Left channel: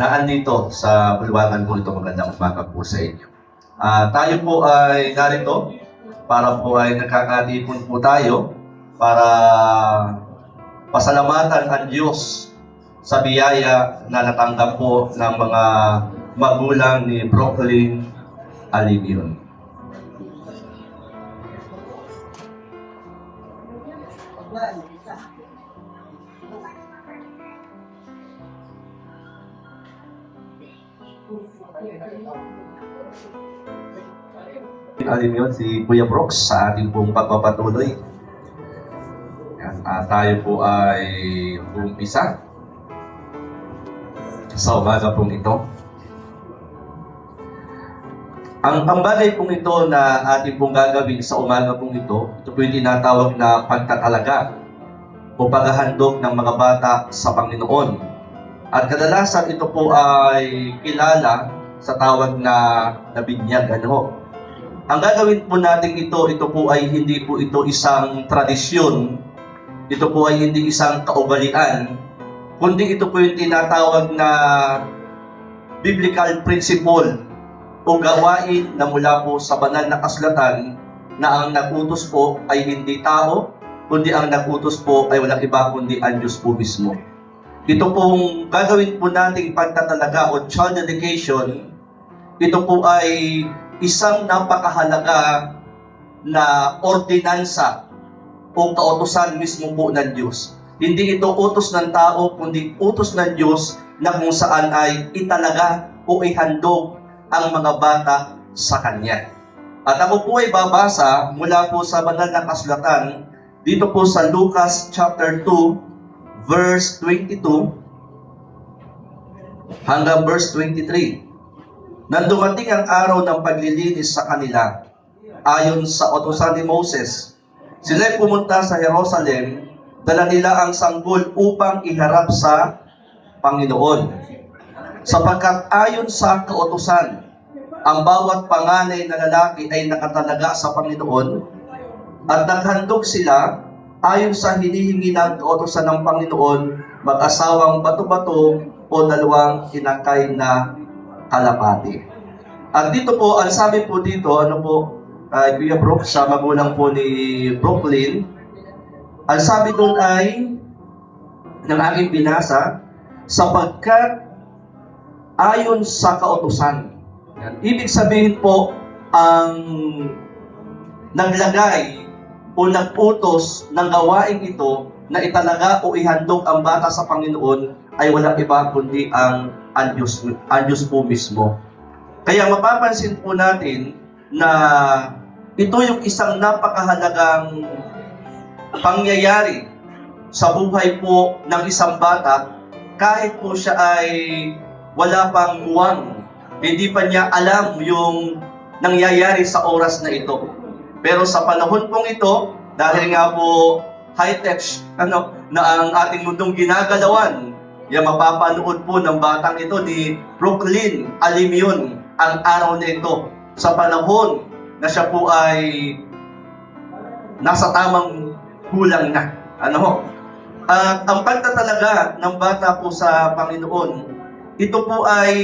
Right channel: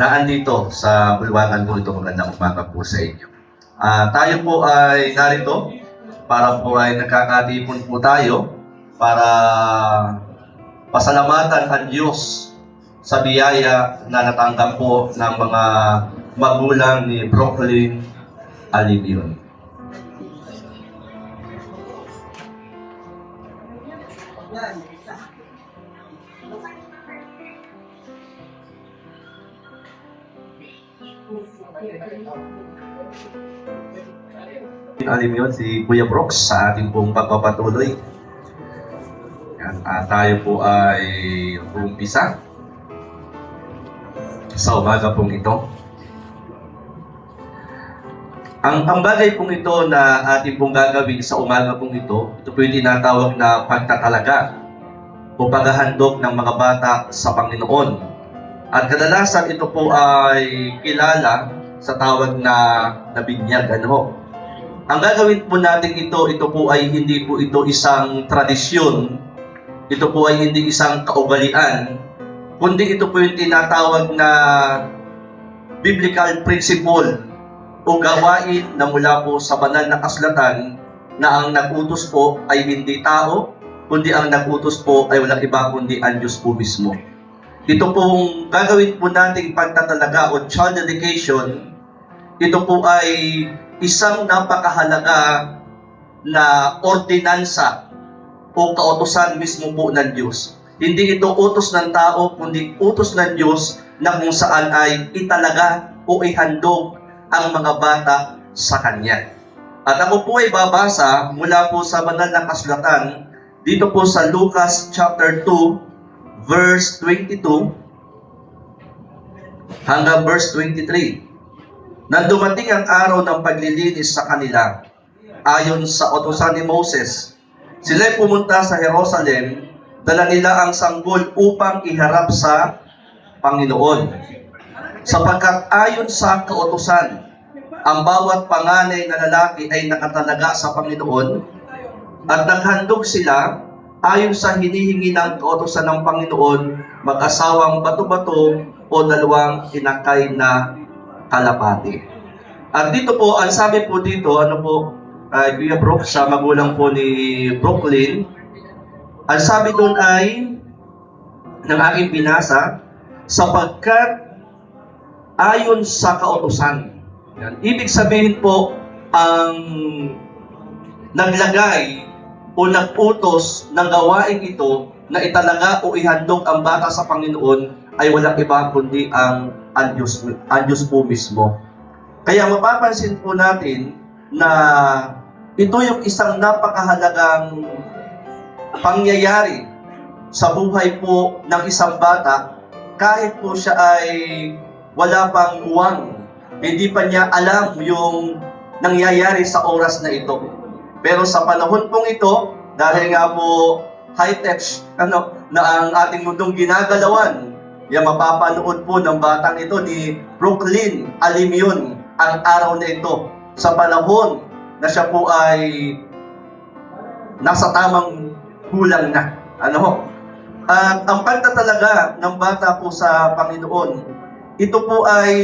na andito sa bulwagan po ito magandang umaga po sa inyo. Ah, tayo po ay narito para po ay nagkakatipon po tayo para pasalamatan ang Diyos sa biyaya na natanggap po ng mga magulang ni Brooklyn Alimion. Alim yun, si Kuya Brooks sa ating pong pagpapatuloy. Yan, ah, tayo po ay umpisa sa umaga pong ito. Ang, ang bagay pong ito na ating pong gagawin sa umaga pong ito, ito po yung tinatawag na pagtatalaga o paghahandog ng mga bata sa Panginoon. At kadalasan ito po ay kilala sa tawag na nabinyag. Ano? Ang gagawin po natin ito, ito po ay hindi po ito isang tradisyon, ito po ay hindi isang kaugalian, kundi ito po yung tinatawag na biblical principle o gawain na mula po sa banal na kasulatan na ang nagutos po ay hindi tao, kundi ang nagutos po ay walang iba kundi ang Diyos po mismo. Ito pong gagawin po nating pagtatalaga o child dedication, ito po ay isang napakahalaga na ordinansa o kautosan mismo po ng Diyos. Hindi ito utos ng tao, kundi utos ng Diyos na kung saan ay italaga o ihandog ang mga bata sa Kanya. At ako po ay babasa mula po sa banal na kasulatan dito po sa Lucas chapter 2 verse 22 hanggang verse 23. Nang dumating ang araw ng paglilinis sa kanila, ayon sa utosan ni Moses, sila'y pumunta sa Jerusalem, dala nila ang sanggol upang iharap sa Panginoon. Sapagkat ayon sa kautosan, ang bawat panganay na lalaki ay nakatalaga sa Panginoon at naghandog sila ayon sa hinihingi ng kautosan ng Panginoon mag-asawang bato-bato o dalawang tinakay na kalapati. At dito po, ang sabi po dito, ano po, ay Kuya Brooke, sa magulang po ni Brooklyn, ang sabi doon ay, ng aking binasa, sapagkat ayon sa kautosan. Ibig sabihin po, ang naglagay o nag-utos ng gawain ito na italaga o ihandog ang bata sa Panginoon ay walang iba kundi ang ang Diyos, ang Diyos po mismo. Kaya mapapansin po natin na ito yung isang napakahalagang pangyayari sa buhay po ng isang bata kahit po siya ay wala pang muwang. Hindi pa niya alam yung nangyayari sa oras na ito. Pero sa panahon pong ito, dahil nga po high-tech ano, na ang ating mundong ginagalawan, yan mapapanood po ng batang ito ni Brooklyn Alimion ang araw na ito sa panahon na siya po ay nasa tamang gulang na. Ano ho? At ang pagtatalaga ng bata po sa Panginoon, ito po ay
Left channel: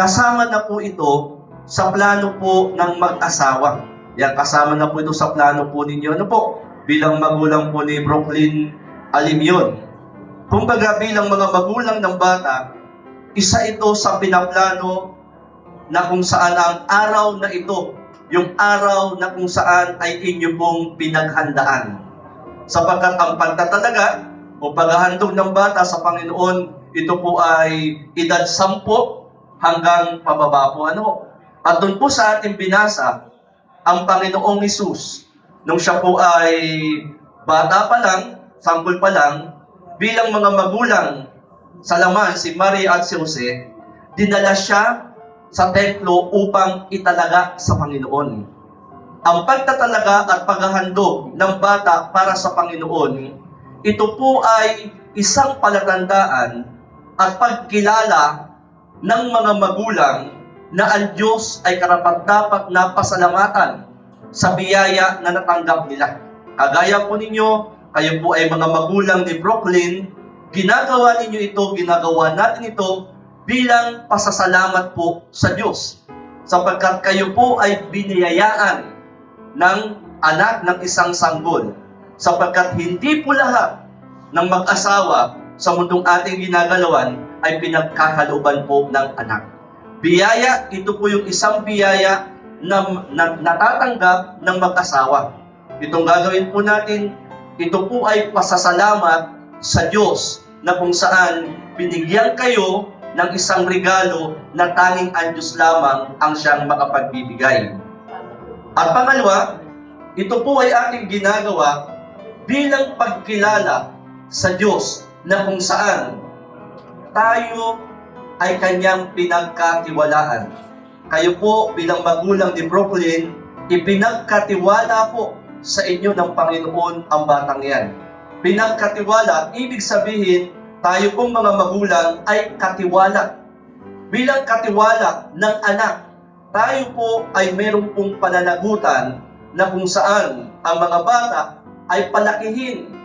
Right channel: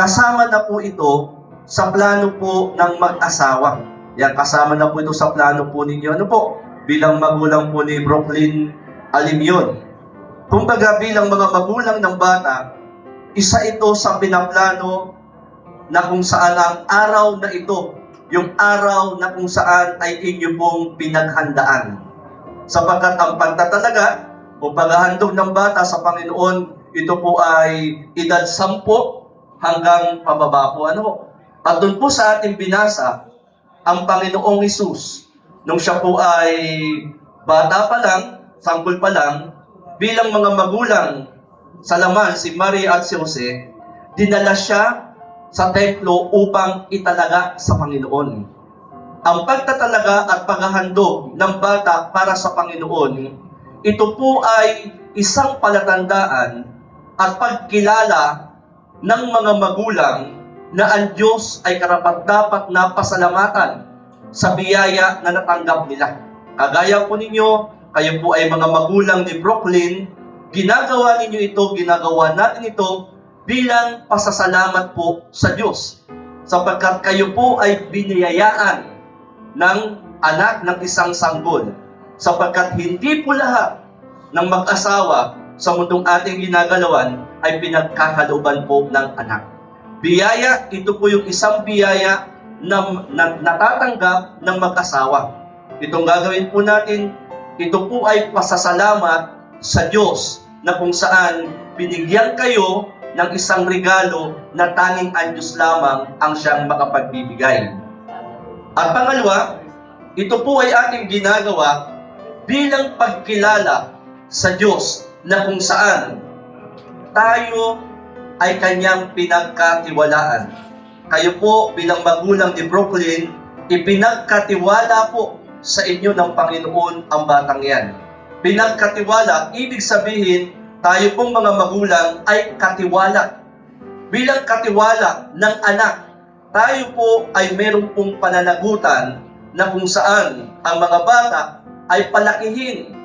kasama na po ito sa plano po ng mag-asawa. Yan, kasama na po ito sa plano po ninyo. Ano po? Bilang magulang po ni Brooklyn Alimion. Kumbaga bilang mga magulang ng bata, isa ito sa pinaplano na kung saan ang araw na ito, yung araw na kung saan ay inyo pong pinaghandaan. Sapagkat ang pagtatalaga o paghahandog ng bata sa Panginoon, ito po ay edad sampo hanggang pababa po. Ano? At doon po sa ating binasa, ang Panginoong Isus, nung siya po ay bata pa lang, sampul pa lang, bilang mga magulang sa laman, si Maria at si Jose, dinala siya sa templo upang italaga sa Panginoon. Ang pagtatalaga at paghahandog ng bata para sa Panginoon, ito po ay isang palatandaan at pagkilala ng mga magulang na ang Diyos ay karapat-dapat na pasalamatan sa biyaya na natanggap nila. Kagaya po ninyo, kayo po ay mga magulang ni Brooklyn, ginagawa ninyo ito, ginagawa natin ito bilang pasasalamat po sa Diyos. Sapagkat kayo po ay biniyayaan ng anak ng isang sanggol. Sapagkat hindi po lahat ng mag-asawa sa mundong ating ginagalawan ay pinagkakalooban po ng anak. Biyaya, ito po yung isang biyaya na, na natatanggap ng mag-asawa. Itong gagawin po natin, ito po ay pasasalamat sa Diyos na kung saan binigyan kayo ng isang regalo na tanging ang Diyos lamang ang siyang makapagbibigay. At pangalawa, ito po ay ating ginagawa bilang pagkilala sa Diyos na kung saan tayo ay kanyang pinagkatiwalaan. Kayo po bilang magulang ni Brooklyn, ipinagkatiwala po sa inyo ng Panginoon ang batang yan. Pinagkatiwala, ibig sabihin, tayo pong mga magulang ay katiwala. Bilang katiwala ng anak, tayo po ay meron pong pananagutan na kung saan ang mga bata ay palakihin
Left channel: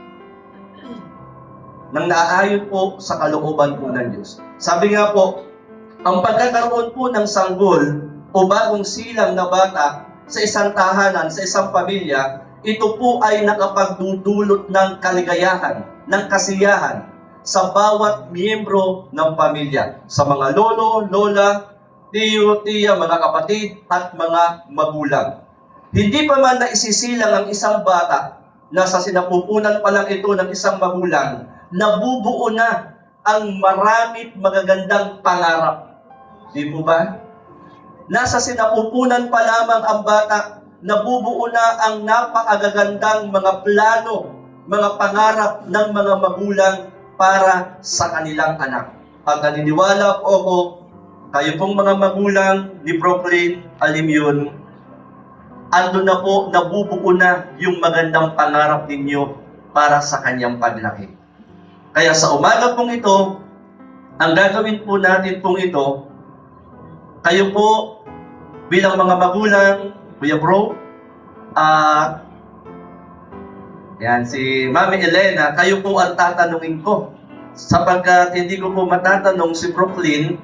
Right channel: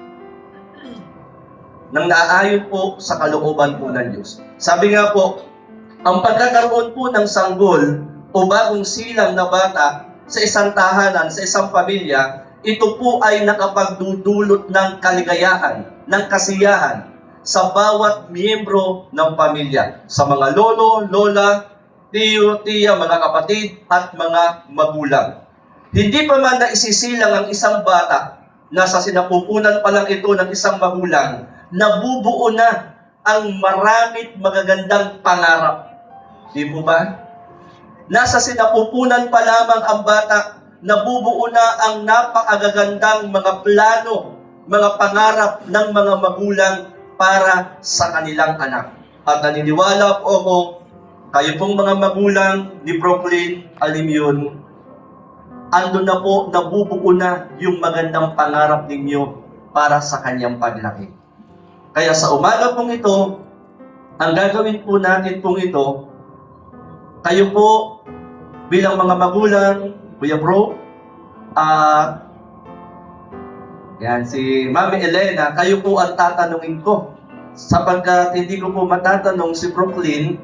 nang naaayon po sa kalooban po ng Diyos. Sabi nga po, ang pagkakaroon po ng sanggol o bagong silang na bata sa isang tahanan, sa isang pamilya, ito po ay nakapagdudulot ng kaligayahan, ng kasiyahan sa bawat miyembro ng pamilya. Sa mga lolo, lola, tiyo, tiya, mga kapatid, at mga magulang. Hindi pa man naisisilang ang isang bata na sa sinapupunan pa lang ito ng isang magulang, nabubuo na ang maramit magagandang pangarap. Di po ba? Nasa sinapupunan pa lamang ang bata, nabubuo na ang napakagagandang mga plano, mga pangarap ng mga magulang para sa kanilang anak. At naniniwala po ako, kayo pong mga magulang ni Brooklyn, alim yun, ando na po, nabubuo na yung magandang pangarap ninyo para sa kanyang paglaki. Kaya sa umaga pong ito, ang gagawin po natin pong ito, kayo po bilang mga magulang, Kuya Bro, at yan, si Mami Elena, kayo po ang tatanungin ko. Sapagkat hindi ko po matatanong si Brooklyn,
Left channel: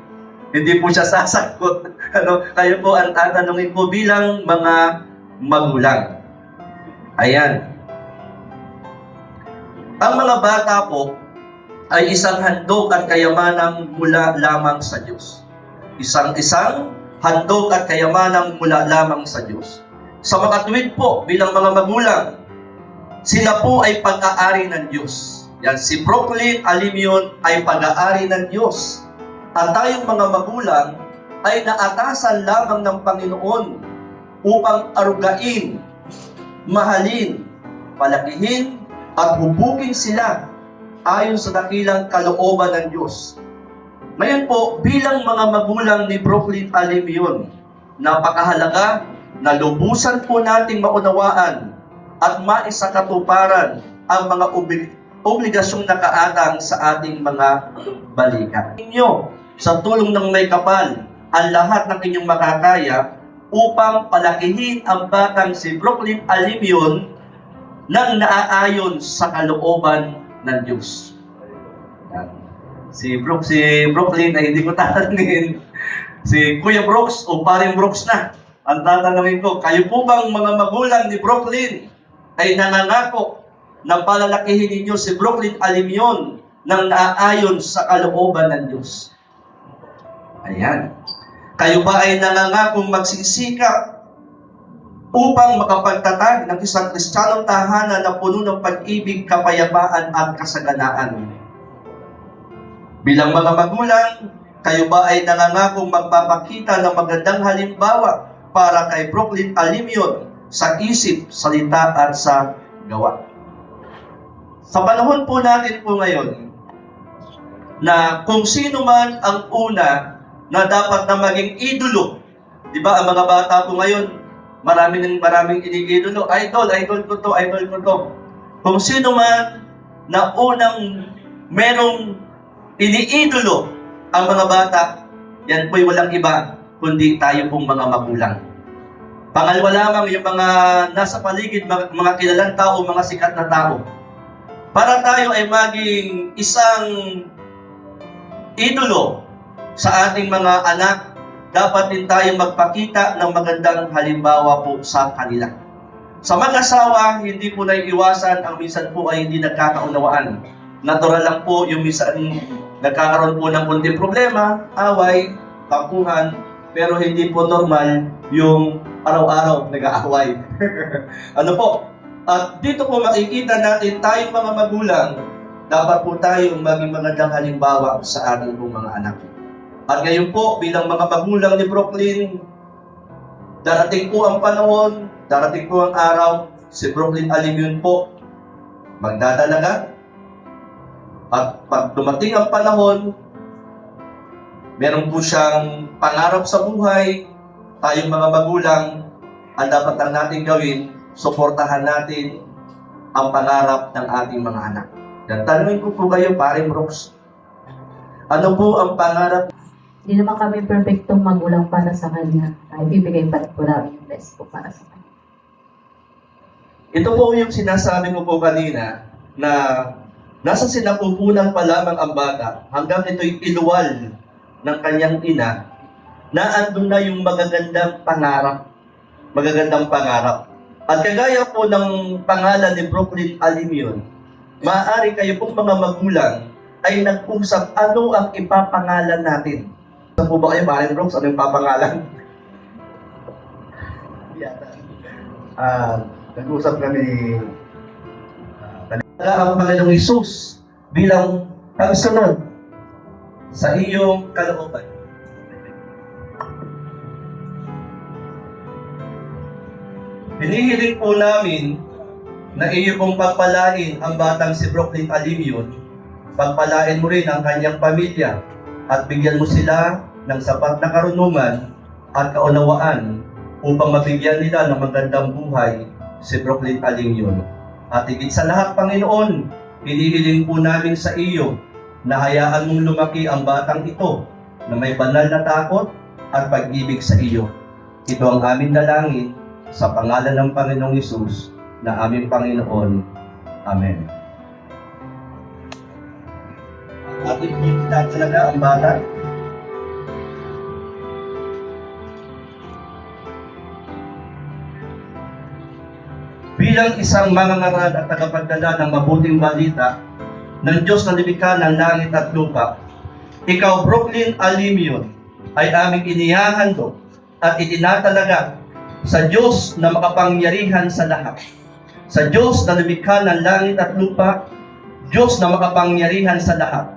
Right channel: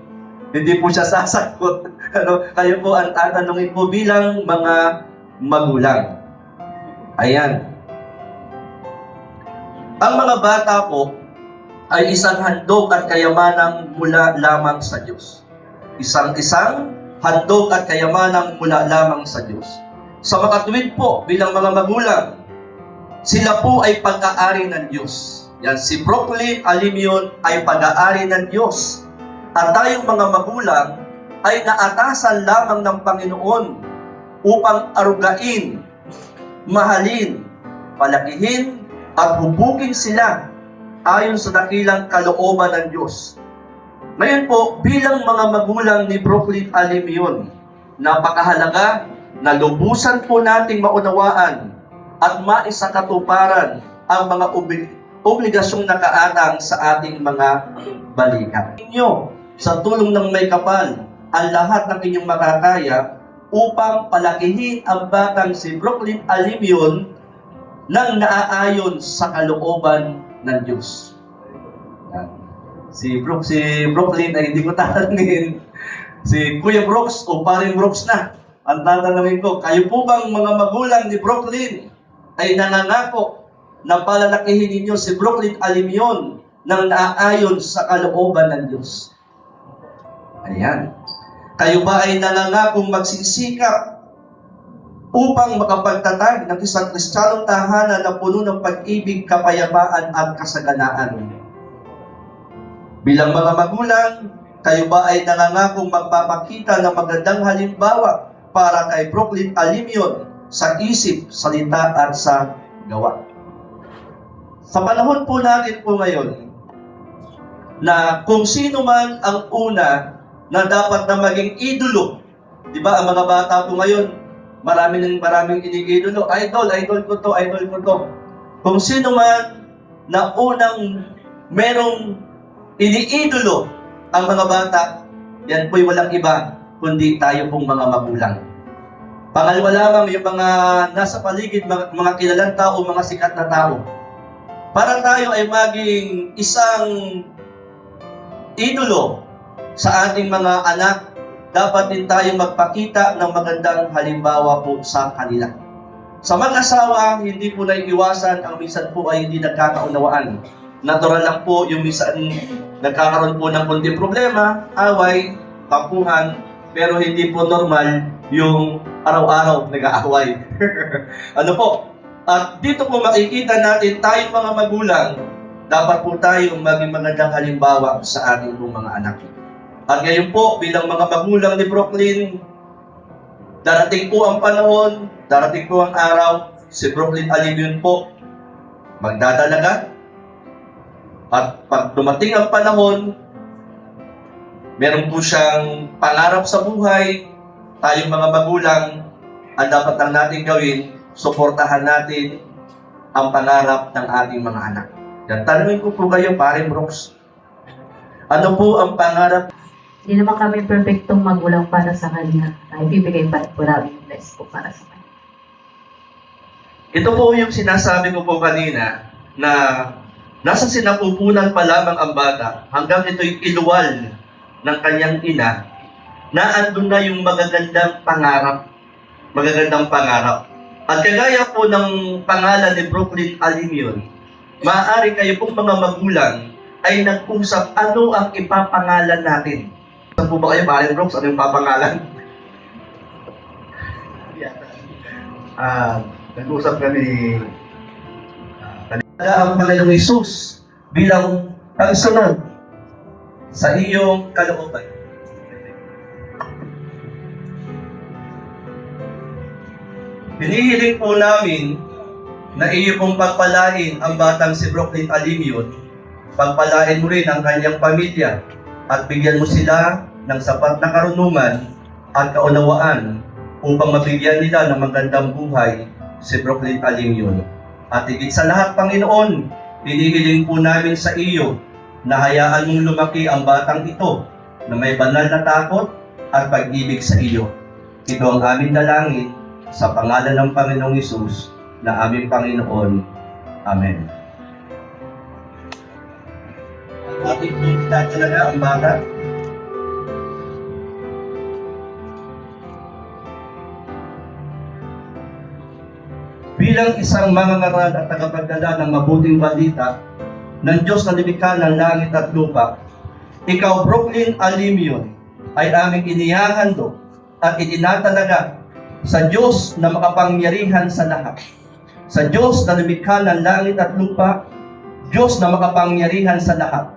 hindi po siya sasagot. ano, kayo po ang tatanungin ko bilang mga magulang. Ayan. Ang mga bata po ay isang handog at kayamanang mula lamang sa Diyos. Isang-isang handog at kayamanang mula lamang sa Diyos. Sa makatuwid po bilang mga magulang, sila po ay pag-aari ng Diyos. Yan, si Brooklyn Alimion ay pag-aari ng Diyos. At tayong mga magulang ay naatasan lamang ng Panginoon upang arugain, mahalin, palakihin, at hubugin sila ayon sa dakilang kalooban ng Diyos. Ngayon po, bilang mga magulang ni Brooklyn Alimion, napakahalaga na lubusan po nating maunawaan at maisakatuparan ang mga obli- obligasyong nakaatang sa ating mga balikat. Inyo, sa tulong ng may kapal, ang lahat ng inyong makakaya upang palakihin ang batang si Brooklyn Alimion nang naaayon sa kalooban ng Diyos. Yan. Si Brook, si Brooklyn ay hindi ko tatanungin. Si Kuya Brooks o paring Brooks na. Ang tatanungin ko, kayo po bang mga magulang ni Brooklyn ay nanangako na palalakihin ninyo si Brooklyn Alimion nang naaayon sa kalooban ng Diyos? Ayan. Kayo ba ay nangangakong magsisikap upang makapagtatag ng isang kristyanong tahanan na puno ng pag-ibig, kapayapaan at kasaganaan? Bilang mga magulang, kayo ba ay nangangakong magpapakita ng magandang halimbawa para kay Brooklyn Alimion sa isip, salita at sa gawa? Sa panahon po natin po ngayon, na kung sino man ang una na dapat na maging idolo. Di ba, ang mga bata po ngayon, marami ng maraming iniidolo. Idol, idol ko to, idol ko to. Kung sino man na unang merong iniidolo ang mga bata, yan po'y walang iba, kundi tayo pong mga magulang. Pangalawa lamang yung mga nasa paligid, mga, mga kilalang tao, mga sikat na tao. Para tayo ay maging isang idolo sa ating mga anak, dapat din tayo magpakita ng magandang halimbawa po sa kanila. Sa mga asawa, hindi po na iwasan, ang minsan po ay hindi nagkakaunawaan. Natural lang po yung minsan nagkakaroon po ng kunting problema, away, tampuhan, pero hindi po normal yung araw-araw nag-aaway. ano po? At dito po makikita natin tayong mga magulang, dapat po tayong maging magandang halimbawa sa ating po mga anak. At ngayon po, bilang mga magulang ni Brooklyn, darating po ang panahon, darating po ang araw, si Brooklyn Alimion po, magdadalaga. At pag dumating ang panahon, meron po siyang pangarap sa buhay, tayong mga magulang, ang dapat lang natin gawin, suportahan natin ang pangarap ng ating mga anak. Yan, tanungin ko po kayo, paring Brooks, ano po ang pangarap Hindi naman kami perfectong magulang para sa kanya. Ay, bibigay pa po namin yung best po para sa kanya. Ito po yung sinasabi ko po kanina na nasa sinapupunan pa lamang ang bata hanggang ito'y iluwal ng kanyang ina na andun na yung magagandang pangarap. Magagandang pangarap. At kagaya po ng pangalan ni Brooklyn Alimion, maaari kayo pong mga magulang ay nag-usap ano ang ipapangalan natin. Saan po ba kayo, Maren Brooks? Ano yung papangalan? Ah, nag-usap kami ang Panginoong Isus bilang pagsunod sa iyong kalooban. Hinihiling po namin na iyo pong pagpalain ang batang si Brooklyn Alimion, pagpalain mo rin ang kanyang pamilya at bigyan mo sila ng sapat na karunungan at kaunawaan upang mabigyan nila ng magandang buhay si Brooklyn Alimion. At higit sa lahat, Panginoon, pinihiling po namin sa iyo na hayaan mong lumaki ang batang ito na may banal na takot at pag-ibig sa iyo. Ito ang aming dalangin sa pangalan ng Panginoong Isus na aming Panginoon. Amen. Ating pinita talaga ang bata. Bilang isang mangangaral at tagapagdala ng mabuting balita ng Diyos na lumikha ng langit at lupa, ikaw, Brooklyn Alimion, ay aming inihahandog at itinatalaga sa Diyos na makapangyarihan sa lahat. Sa Diyos na lumikha ng langit at lupa, Diyos na makapangyarihan sa lahat.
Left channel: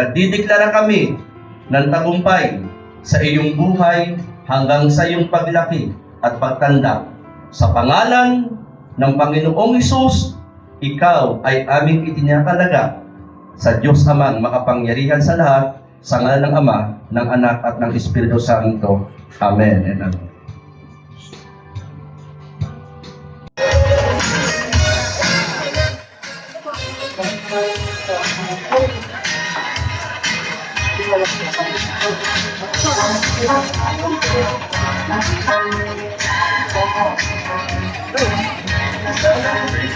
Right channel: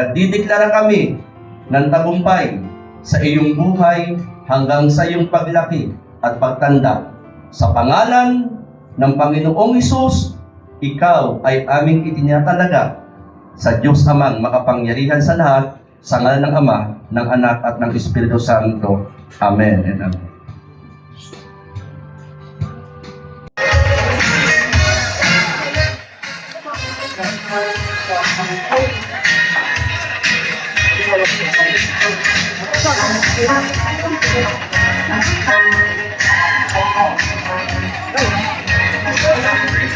Nagdideklara kami ng tagumpay sa iyong buhay hanggang sa iyong paglaki at pagtanda. Sa pangalan ng Panginoong Isus, ikaw ay aming itinatalaga sa Diyos Amang makapangyarihan sa lahat, sa ngalan ng Ama, ng Anak at ng Espiritu Santo. Amen and Amen.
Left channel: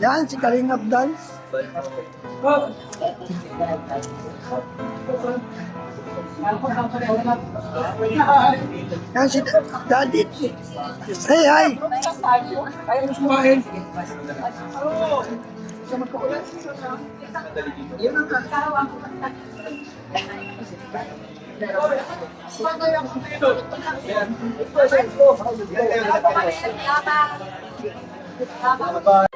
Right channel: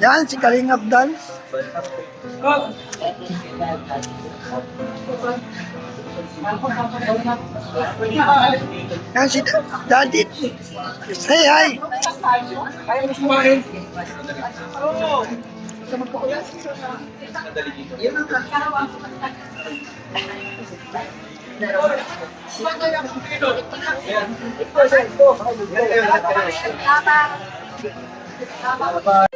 Yan, si Kalingap Dance. Yan si Daddy. Say hi. Tama.